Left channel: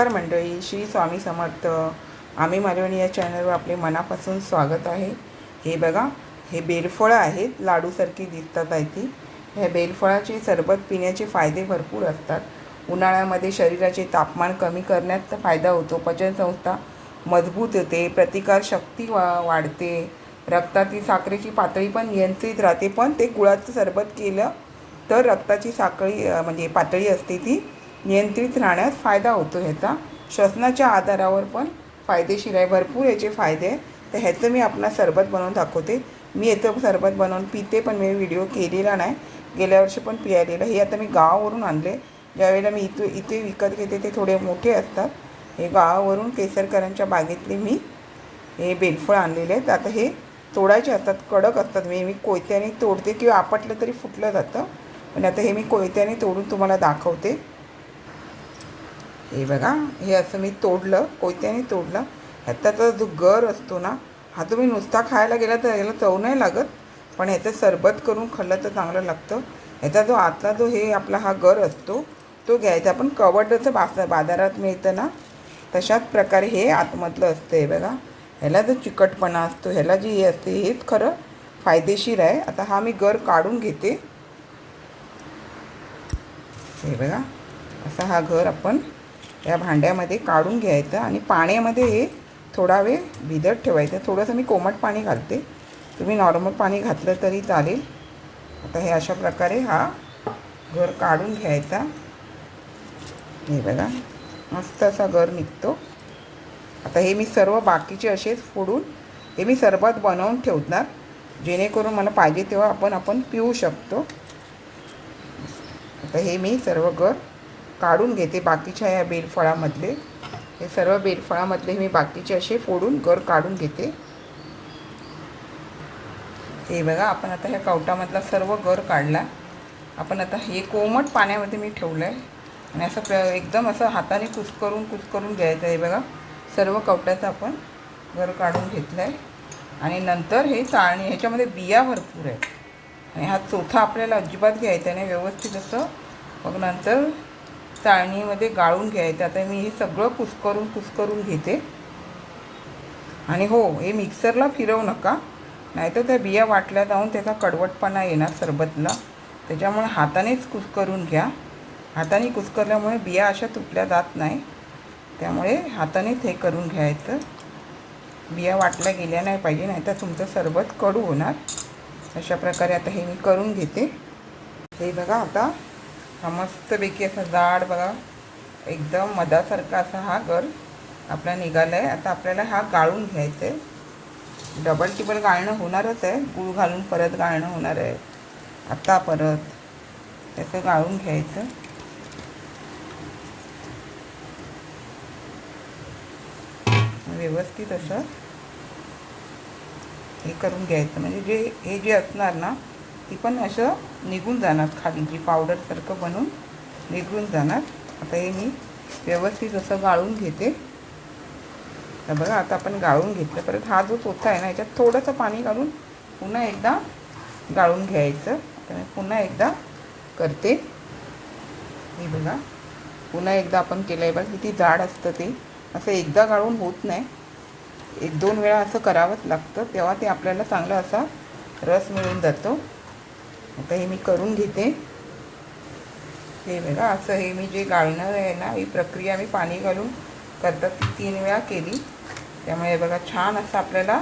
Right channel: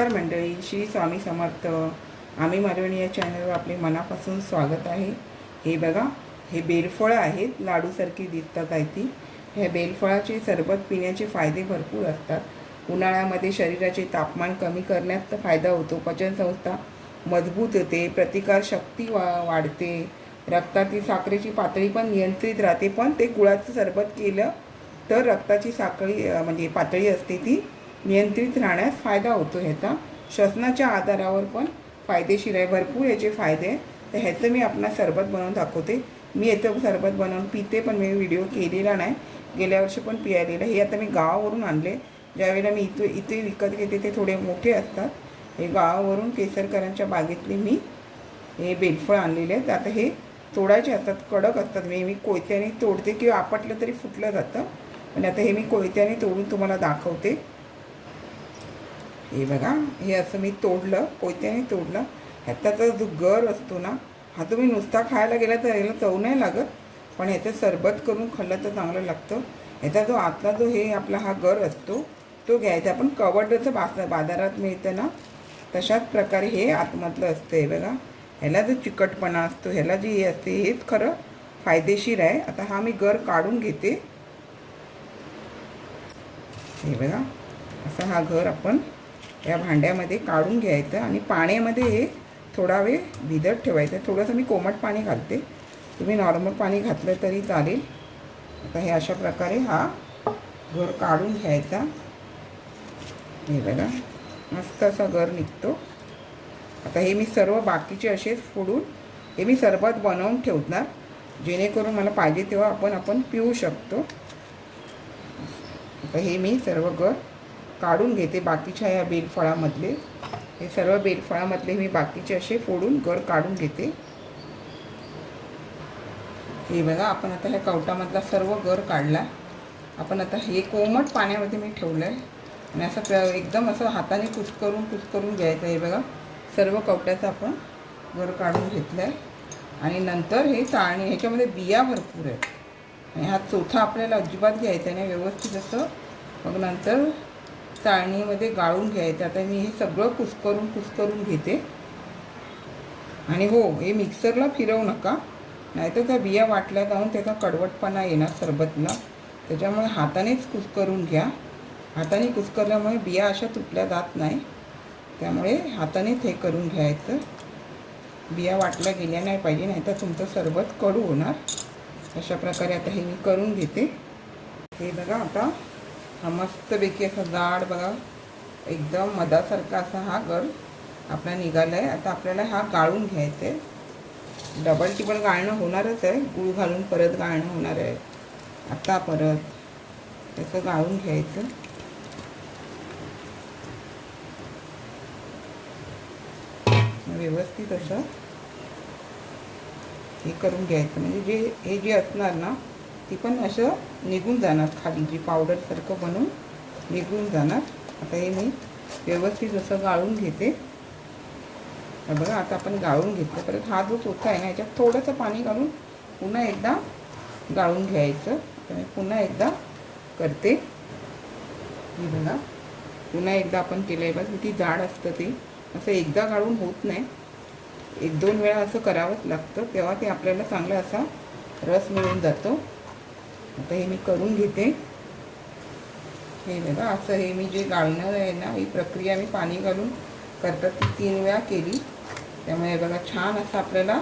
नमस्कार मंडळी श्री स्वामी समर्थ. आम्ही मालवणी या चॅनलवर आपले मनापासून स्वागत आहे. हे बघा हे बेलफळं आहेत लाडूसारखी दिसतात आहे ती ह्या बेलफळाचे सरबत पिण्याचे फायदे भरपूर असतात. उन्हाळ्यामध्ये शरीराचे तापमान कमी करण्यात फायदा होतो. पचनसंस्था मजबूत होते प्रतिकारशक्ती वा वाढते. रक्तातील साखरेची पातळी पण नियंत्रित राहते. पण ते गुळाचं सरबत केलं तर रक्ताची साखळी म्हणजे पातळी असते ती नियंत्रित राहण्यास फायदा होतो ह्याचा. श्वसनाच्या आधारावर पण फायदेशीर आहे. भरपूर याचे फायदे आहेत. तर ह्याचं मी आपणा सरबत बनवून दाखवते. मी याचं सरबत बनवून पिते पण मी व्हिडिओ केलेला नाही. गेल्या वर्षी पण पियालेलं. हे आता मी गावावरून आणले. ज्यावेळेला मी इथे इथे विकत घेते ते थोडे मोठे असतात. हे गावावरून केसरकरांच्या बागेतले मी हे बेलफळ आणलेले आहेत. आता हे तोडायचे असतात. कडक असतात. मी मी कोयत्याने तोडते किंवा आपटलं तरी फुटलं जातं. पण आता हे मी कोयत्याने तोडून तुम्हाला दाखवते. हे बघा हे असं मी तोडलं कोयत्याने तोडलं. ह्याचा जो गर असतो ना हा तुम्ही नुसता खायला गेला तर याला चव नाही लागत पण ह्याचं सरबत करून खाल्लं तर चांगलं लागतं. ह्याचा जो आतला जो हे आपला हा गर असतो तो घ्यायचा. पण कवडचं बास बाजारात मिळतं ना तशाच प्रकारे हे आतमधलं असतं हे बघा. ह्याला जो चिकटपणा असतो ह्याला जे हे असते हेच खरं फायदेशीर आहे. आता हा मी गर काढून घेते. हे बघा असा हा घर आपण या भांड्यामध्ये काढून घ्यायचं आणि पाण्यामध्ये हे थोडा वेळ भिजत ठेवायचं. थोडंसं मी कोमट पाणी घालते. तुम्ही नॉर्मल पाणी घातलं तरी चालेल. आता हे अशा प्रकारे हा घर काढून घ्यायचा. हे बघा मस्त असा घर निघतो. आता हे मी सर्व बाकीचे असेच फोडून हे मी सरबत बनवून ठेवणार. जेणेकरून मला पाहिजे तेव्हा आपण आपण पिऊ शकतो. आता हे मी सर्व घर काढून घेते बाकीच्या ह्या बेलफळामधले. हे सर्व बेलफळामधले मी बाकीचे असे फोडून गर काढून घेते. हे बघा आपण आता ह्या कवटामधला सर्व गर काढला. आपण आता हे कोमट पाण्यामध्ये मी ठेवलं आहे आणि असं एकदम असं हाताने कुचकरून कुचकरून घ्यायचं आहे बघा. सर्व कवट्याचं आपण गर काढून घेतलं आहे आणि नंतर हे चाळणी ह्याच्यामध्ये बिया भरपूर आहेत. आणि हा चोथा आपल्याला अजिबात घ्यायचा नाही व्यवस्थित असं. मग नंतर चाळणीमध्ये गाळून घ्यायचं. आता मी हे सगळं कुस्करून कुस्करून घेते. आणि हो हे मिक्सरला फिरवू नका. नाहीतर त्या बिया वाटल्या जाऊन त्याचा कडवटपणा येणार सरबतला. त्याच्यामुळे हातानेच कुस्करून घ्या. हाताने कुस्करल्यामुळे बिया अशा तुटल्या जात नाही. त्यामुळे हातानेच हे करून घ्यायचं. बिया वाटल्या गेल्या नाही पाहिजे नाहीतर तुमचं सरबत कडू होणार. अशा प्रकारे आता हे मी करून घेते. हे बघा आता हा मस्तपैकी असा जाड बघा. एकदम मधासारखा असा हा गर आपला निघाला आहे आता आपल्याला हा गाळून घ्यायचा आहे डबल टिबल गाळणं होणारच आहे. गूळ घालून परत गाळणं होणार आहे. आता परत त्याचं गाळून घ्यायचं. व्यवस्थित असं हे करून घ्यायचं. म्हणजे जे हे जे असणार ना ती पण असं निघून जाणार खाली. जी पावडरसारखं बनून निघून जाणार. आता हे मी व्यवस्थित असं गाळून घेते. तर बघा आता आपण गाळून घेतलं. परत हा जो चोथा आहे ना याच्यात थोडंसं पाणी घालून पुन्हा एकदा गाळून घ्यायचं. तर पुन्हा एकदा करते. हे बघा पुन्हा एकदा आपण केलं आहे बघा किती जाड असतं ते. असं एकदा गाळून होत नाही. एक दोन वेळा असं करावंच लागतं. तेव्हा ते आपल्याला चांगला असा रस मिळून जातो. आता हे मी करून घेते. हे बघा असं हे मी जे गाळणं आहे ना ही प्रक्रिया मी पाणी घालून करतात ती तीन वेळा केली. त्यामुळे बघा छान असं आपल्याला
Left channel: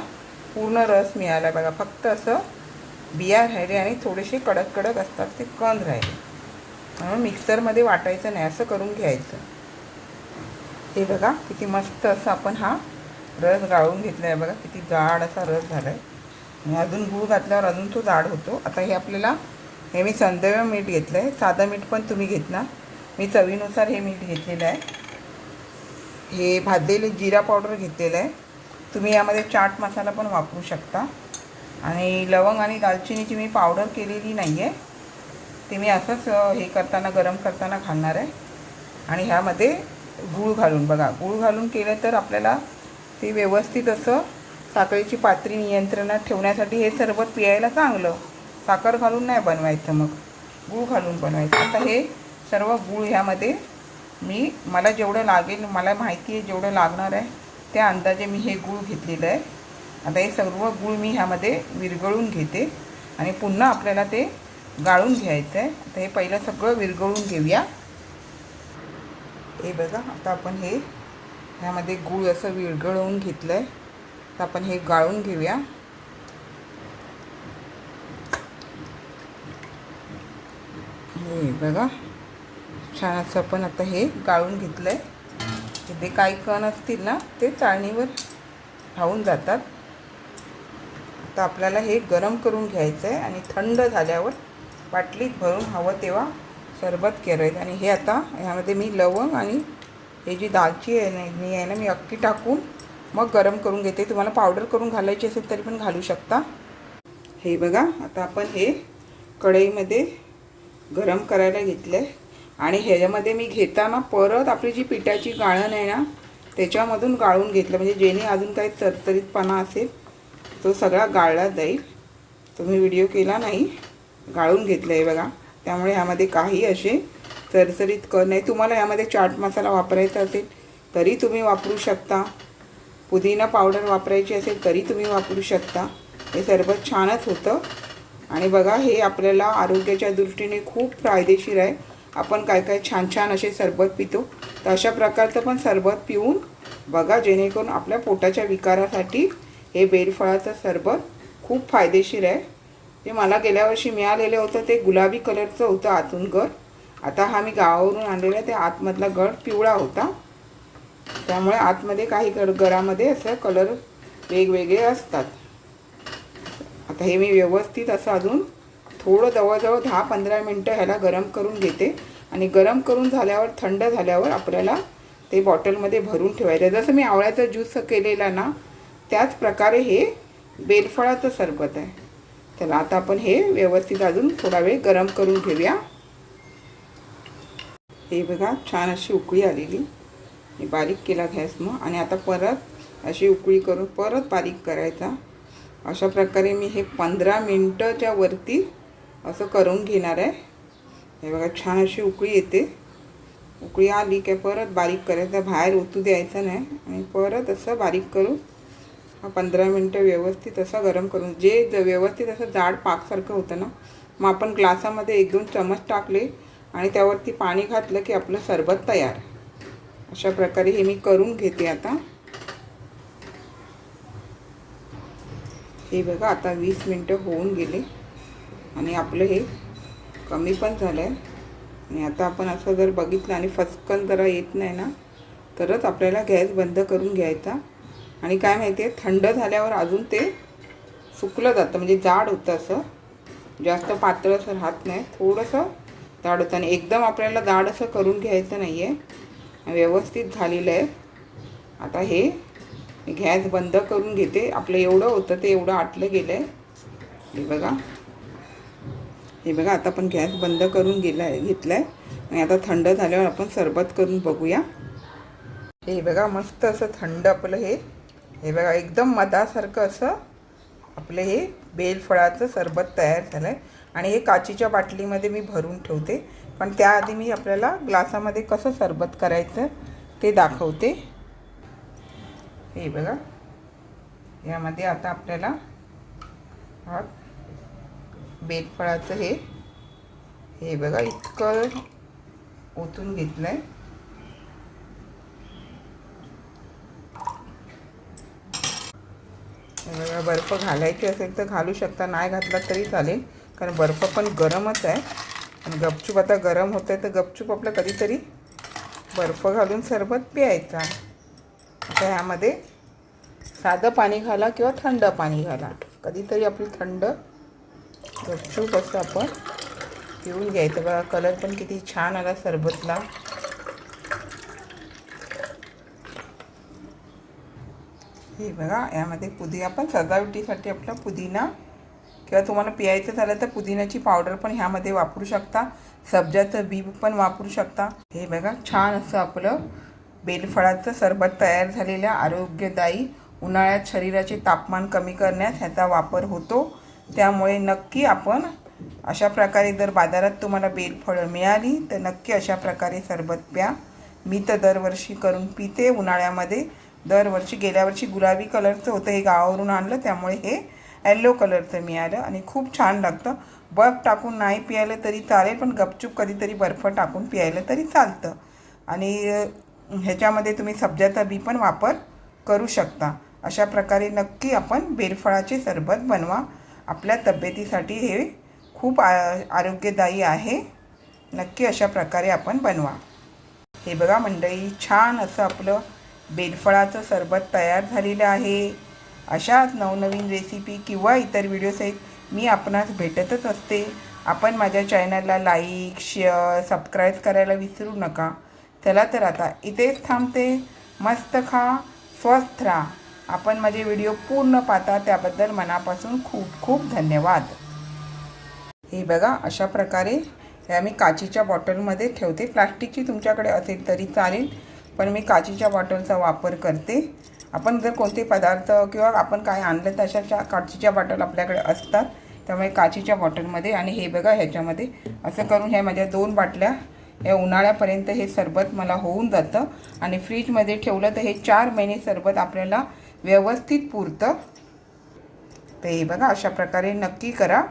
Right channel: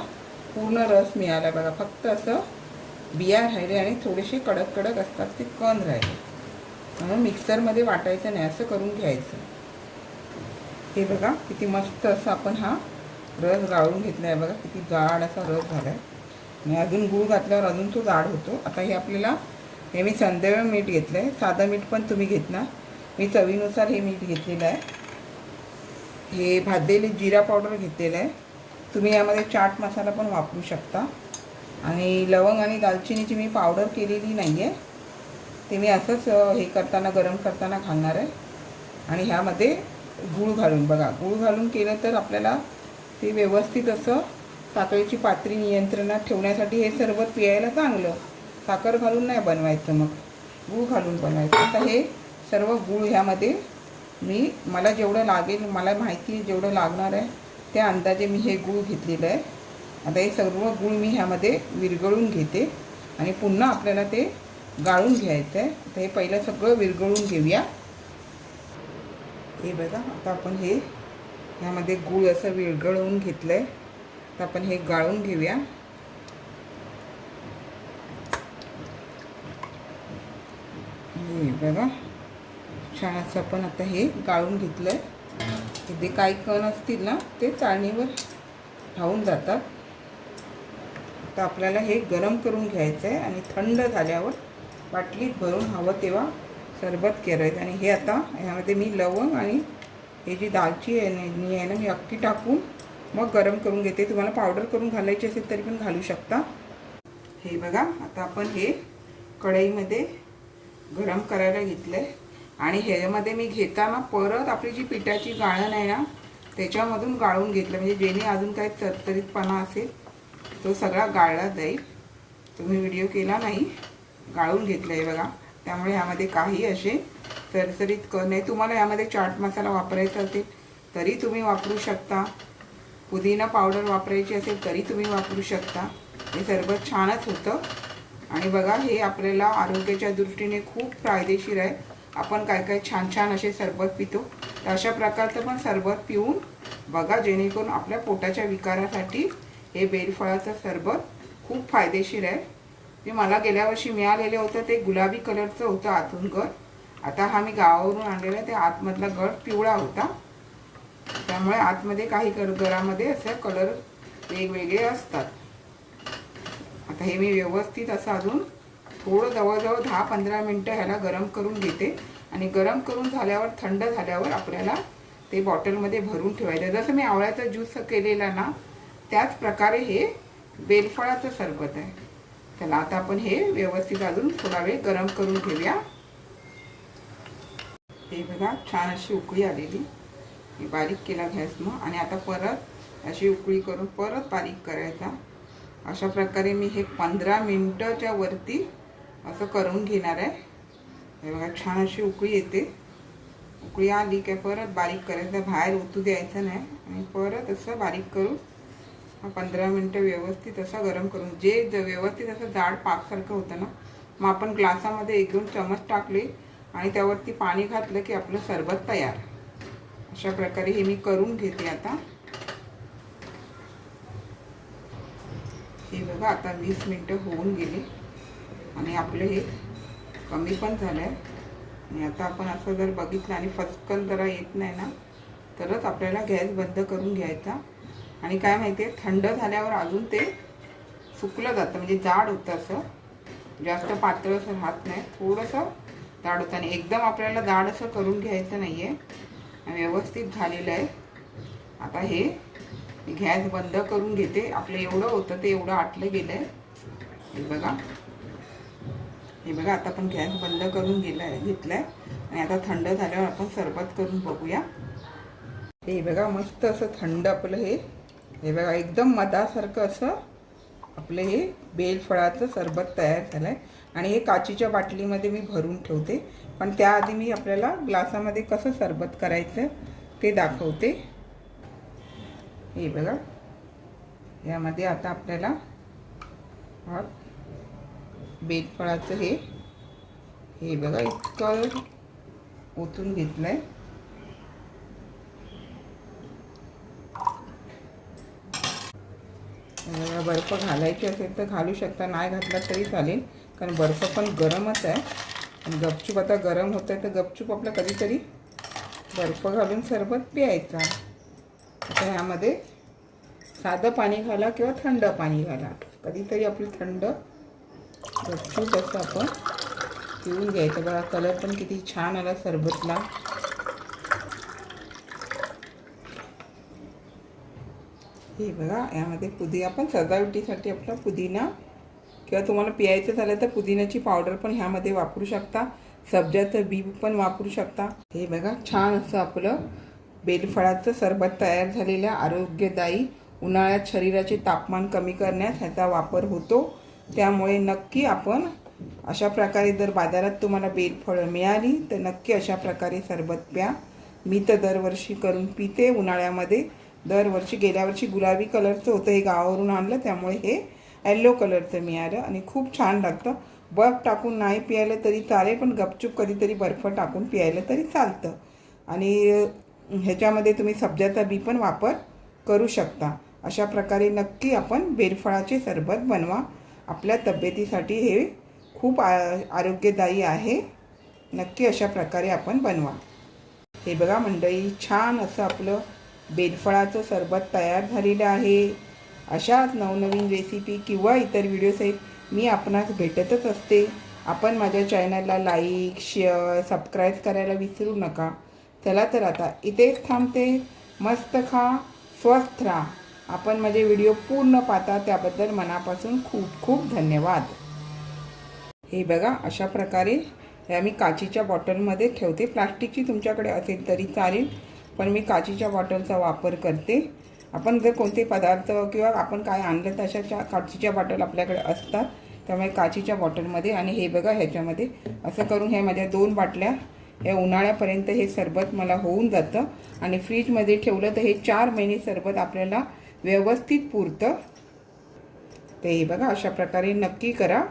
पूर्ण रस मिळाला. बघा फक्त असं बिया राहिले आणि थोडेसे कडक कडक असतात ते कंद राहिले. म्हणून मिक्सरमध्ये वाटायचं नाही असं करून घ्यायचं. हे बघा किती मस्त असं आपण हा रस गाळून घेतला आहे. बघा किती जाड असा रस झाला आहे आणि अजून गूळ घातल्यावर अजून तो जाड होतो. आता हे आपल्याला हे मी संदर्भ मीठ घेतलं आहे साधं मीठ पण तुम्ही घेतला. मी चवीनुसार हे मीठ घेतलेलं आहे. हे भाजलेले जिरा पावडर घेतलेलं आहे. तुम्ही यामध्ये चाट मसाला पण वापरू शकता. आणि लवंग आणि दालचिनीची मी पावडर केलेली नाही आहे ते मी असंच हे करताना गरम करताना घालणार आहे. आणि ह्यामध्ये गूळ घालून बघा. गूळ घालून केलं तर आपल्याला ते व्यवस्थित असं साखरेची पातळी नियंत्रणात ठेवण्यासाठी हे सर्व प्यायला चांगलं. साखर घालून नाही बनवायचं मग. गूळ घालून बनवायचं. आता हे सर्व गूळ ह्यामध्ये मी मला जेवढं लागेल मला माहिती आहे जेवढं लागणार आहे त्या अंदाजे मी हे गूळ घेतलेलं आहे. आता हे सर्व गूळ मी ह्यामध्ये विरघळून घेते आणि पुन्हा आपल्याला ते गाळून घ्यायचं आहे. तर हे पहिलं सगळं विरघळून घेऊया. हे बघा आता आपण हे ह्यामध्ये गूळ असं विरगळून घेतलं आहे तर आपण हे गाळून घेऊया. हे बघा. छान असं आपण आता हे गाळून घेतलं आहे तिथे काही कण असतील ना ते चाळणीवर धावून जातात. तर आपल्याला हे गरम करून घ्यायचं आहे आणि थंड झाल्यावर बाटलीत भरून हवं तेव्हा सरबत करायचं आणि हे आता ह्यामध्ये मी लवंग आणि हे जी दालची आहे ना मी आहे ना मी अक्की टाकून मग गरम करून घेते. तुम्हाला पावडर करून घालायची असेल तरी पण घालू शकता. हे बघा आता आपण हे कढईमध्ये गरम करायला घेतलं आहे आणि ह्याच्यामध्ये मी घेताना परत आपली जी पिठाची गाळण आहे ना त्याच्यामधून गाळून घेतलं. म्हणजे जेणे अजून काही तरतरीतपणा असेल तो सगळा गाळला जाईल. तुम्ही व्हिडिओ केला नाही गाळून घेतलं आहे बघा. त्यामुळे ह्यामध्ये काही असे चरचरीत क नाही. तुम्हाला यामध्ये चाट मसाला वापरायचा असेल तरी तुम्ही वापरू शकता. पुदिना पावडर वापरायची असेल तरी तुम्ही वापरू शकता. हे सर्व छानच होतं. आणि बघा हे आपल्याला आरोग्याच्या दृष्टीने खूप फायदेशीर आहे. आपण काय काय छान छान असे सरबत पितो. तर अशा प्रकारचं पण सरबत पिऊन बघा जेणेकरून आपल्या पोटाच्या विकारासाठी हे बेलफळाचं सरबत खूप फायदेशीर आहे. ते मला गेल्या वर्षी मिळालेलं होतं. ते गुलाबी कलरचं होतं आतून गड आता हा मी गावावरून आणलेला ते आतमधला गड पिवळा होता. त्यामुळे आतमध्ये काही गड गडामध्ये असं कलर वेगवेगळे असतात. आता हे मी व्यवस्थित असं अजून थोडं जवळजवळ दहा पंधरा मिनटं ह्याला गरम करून घेते. आणि गरम करून झाल्यावर थंड झाल्यावर आपल्याला ते बॉटलमध्ये भरून ठेवायचं जसं मी आवळ्याचा ज्यूस केलेला ना त्याच प्रकारे हे बेलफळाचं सरबत आहे. चला आता आपण हे व्यवस्थित अजून थोडा वेळ गरम करून घेऊया. हे बघा छान अशी उकळी आलेली. मी बारीक केला गॅस मग आणि आता परत अशी उकळी करून परत बारीक करायचा. अशा प्रकारे मी हे पंधरा मिनटाच्या वरती असं करून घेणार आहे. हे बघा छान अशी उकळी येते. उकळी आली की परत बारीक करायचं बाहेर ओतू द्यायचं नाही. आणि परत असं बारीक करून पंधरा मिनटं व्यवस्थित असं गरम करून जे ज व्यवस्थित असं जाड पाकसारखं होतं ना मग आपण ग्लासामध्ये एक दोन चमच टाकले आणि त्यावरती पाणी घातलं की आपलं सरबत तयार. अशा प्रकारे हे मी करून घेते आता. हे बघा आता वीस मिनटं होऊन गेले. आणि आपलं हे कमी पण झालं आहे आणि आता आपण असं जर बघितलं आणि फसकन जरा येत नाही ना तरच आपल्याला गॅस बंद करून घ्यायचा. आणि काय माहिती आहे थंड झाल्यावर अजून ते सुकलं जातं. म्हणजे जाड होतं असं. जास्त पातळ असं राहत नाही. थोडंसं जाड होतं. आणि एकदम आपल्याला जाड असं करून घ्यायचं नाही आहे व्यवस्थित झालेलं आहे. आता हे गॅस बंद करून घेते. आपलं एवढं होतं ते एवढं आटलं गेलं आहे हे बघा. हे बघा आता आपण गॅस बंद करून गेला घेतला आहे आणि आता थंड झाल्यावर आपण सरबत करून बघूया. हे बघा मस्त असं थंड आपलं हे. हे बघा एकदम मधासारखं असं आपलं हे बेलफळाचं सरबत तयार झालं आहे आणि हे काचीच्या बाटलीमध्ये मी भरून ठेवते. पण त्याआधी मी आपल्याला ग्लासामध्ये कसं सरबत करायचं ते दाखवते. हे बघा. यामध्ये आता आपल्याला बेलफळाचं हे हे बघा इतकं ओतून घेतलं आहे बर्फ घालायची असेल तर घालू शकता नाही घातला तरी चालेल. कारण बर्फ पण गरमच आहे. आणि गपचूप आता गरम होतं आहे तर गपचूप आपलं कधीतरी बर्फ घालून सरबत प्यायचा. आता ह्यामध्ये साधं पाणी घाला किंवा थंड पाणी घाला. कधीतरी आपली थंड गपचूप असं आपण पिऊन घ्यायचं. बघा कलर पण किती छान आला सरबतला. हे बघा यामध्ये पुदिना आपण सजावटीसाठी आपला पुदिना. किंवा तुम्हाला पियायचं झालं तर पुदिन्याची पावडर पण ह्यामध्ये वापरू शकता. सब्जाचं बी पण वापरू शकता. हे बघा छान असं आपलं बेलफळाचं सरबत तयार झालेल्या आरोग्यदायी उन्हाळ्यात शरीराचे तापमान कमी करण्यास ह्याचा वापर होतो. त्यामुळे नक्की आपण अशा प्रकारे जर बाजारात तुम्हाला बेलफळं मिळाली तर नक्की अशा प्रकारे सरबत प्या. मी तर दरवर्षी करून पिते उन्हाळ्यामध्ये. दरवर्षी गेल्या वर्षी गुलाबी कलरचं होतं हे गावावरून आणलं त्यामुळे हे येल्लो कलरचं मिळालं आणि खूप छान लागतं. बर्फ टाकून नाही पियालं तरी चालेल पण गपचूप कधीतरी बर्फ टाकून प्यायलं तरी चालतं. आणि ह्याच्यामध्ये तुम्ही सब्जाचा बी पण वापर करू शकता. अशा प्रकारे नक्की आपण बेलफळाचे सरबत बनवा. आपल्या तब्येतीसाठी हे खूप आ आरोग्यदायी आहे. नक्की अशा प्रकारे आपण बनवा. हे बघा मंडळी छान असं आपलं बेलफळाचं सरबत तयार झालेलं आहे. अशाच नवनवीन रेसिपी किंवा इतर व्हिडिओसहित मी आपणास भेटतच असते. आपण माझ्या चॅनलला लाईक शेअर सबस्क्राईब करायला विसरू नका. चला तर आता इथेच थांबते. मस्त खा स्वस्थ राहा. आपण माझे व्हिडिओ पूर्ण पाहता त्याबद्दल मनापासून खूप खूप धन्यवाद. हे बघा अशा प्रकारे हे आम्ही काचीच्या बॉटलमध्ये ठेवते. प्लास्टिकची तुमच्याकडे असेल तरी चालेल पण मी काचीच्या बॉटलचा वापर करते. आपण जर कोणते पदार्थ किंवा आपण काय आणलं तर अशा काचीच्या बॉटल आपल्याकडे असतात त्यामुळे काचीच्या बॉटलमध्ये आणि हे बघा ह्याच्यामध्ये असं करून ह्या माझ्या दोन बाटल्या या उन्हाळ्यापर्यंत हे सरबत मला होऊन जातं. आणि फ्रीजमध्ये ठेवलं तर हे चार महिने सरबत आपल्याला व्यवस्थित पुरतं. तर हे बघा अशा प्रकारे नक्की करा.